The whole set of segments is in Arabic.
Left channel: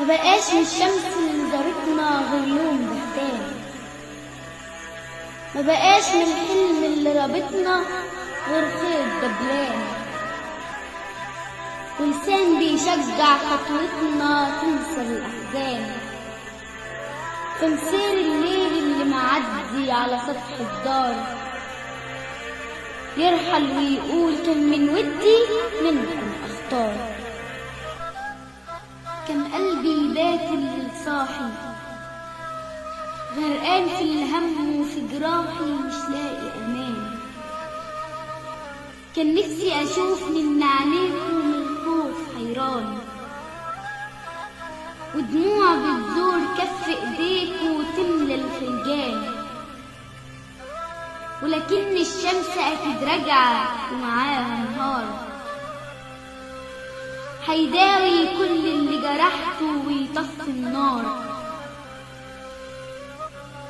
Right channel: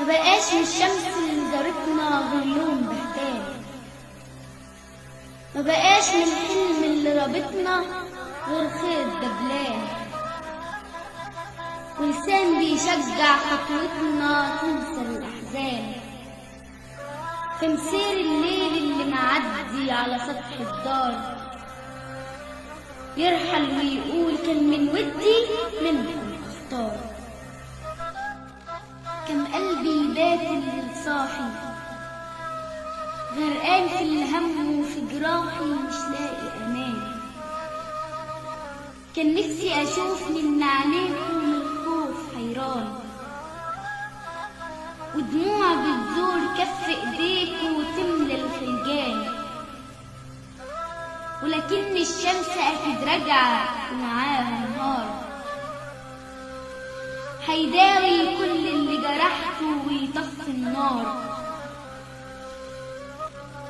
مبقاش للشمس اللي زارتنا غير لون بهتان، مبقاش للحلم اللي رابطنا غير خيط دبلان، ولسان بيشجع خطوتنا تنسى الأحزان، تمثال الليل اللي معدي على سطح الدار يرحل ويقول كان من ودي منكم أختار. كان قلبي باكل صاحي غرقان في الهم وفي جراحي مش لاقي أمان، كان نفسي أشوف من عينيكم الخوف حيران، ودموع بتزور كف إيديكوا وتملى الفنجان، ولكن الشمس أكيد راجعة ومعاها نهار هيداوي كل اللي جرحته ويطفي النار،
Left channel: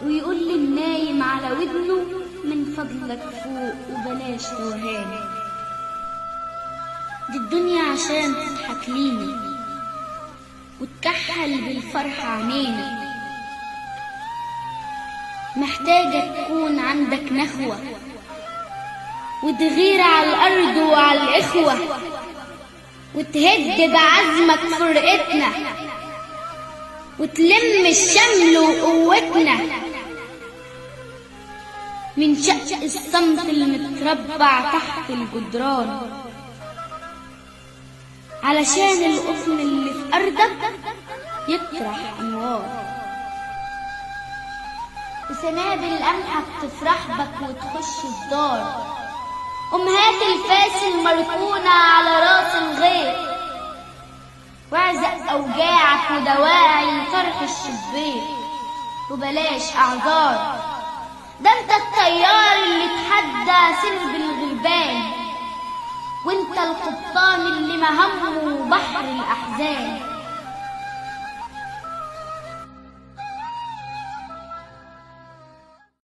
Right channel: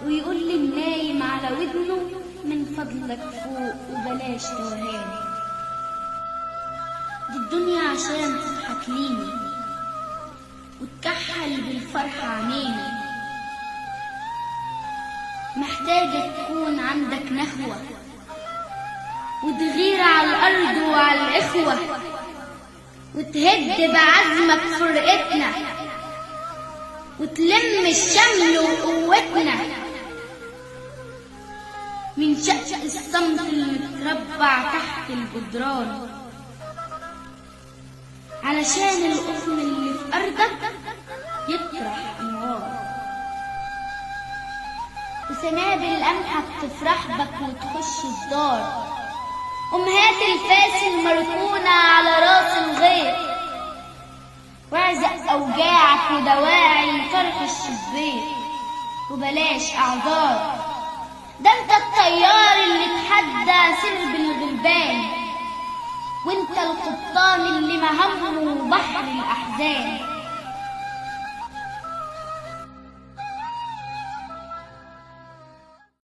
ويقول للنايم على ودنه من فضلك فوق وبلاش توهان. دي الدنيا عشان تضحك لينا وتكحل بالفرح عينينا، محتاجة تكون عندك نخوة وتغير على الأرض وعلى الإخوة، وتهد بعزمك فرقتنا وتلم الشمل وقوتنا من شق الصمت المتربع تحت الجدران، علشان القطن اللي في أرضك يطرح أنوار، وسنابل قمحك تفرح بك وتخش الدار، أمهات الفاس المركونة على راس الغيط، واعزق أوجاعك ودواعي طرح الشبيك وبلاش أعذار. ده انت الطيار اللي تحدى سرب الغربان، وانت القبطان اللي مهمه بحر الأحزان.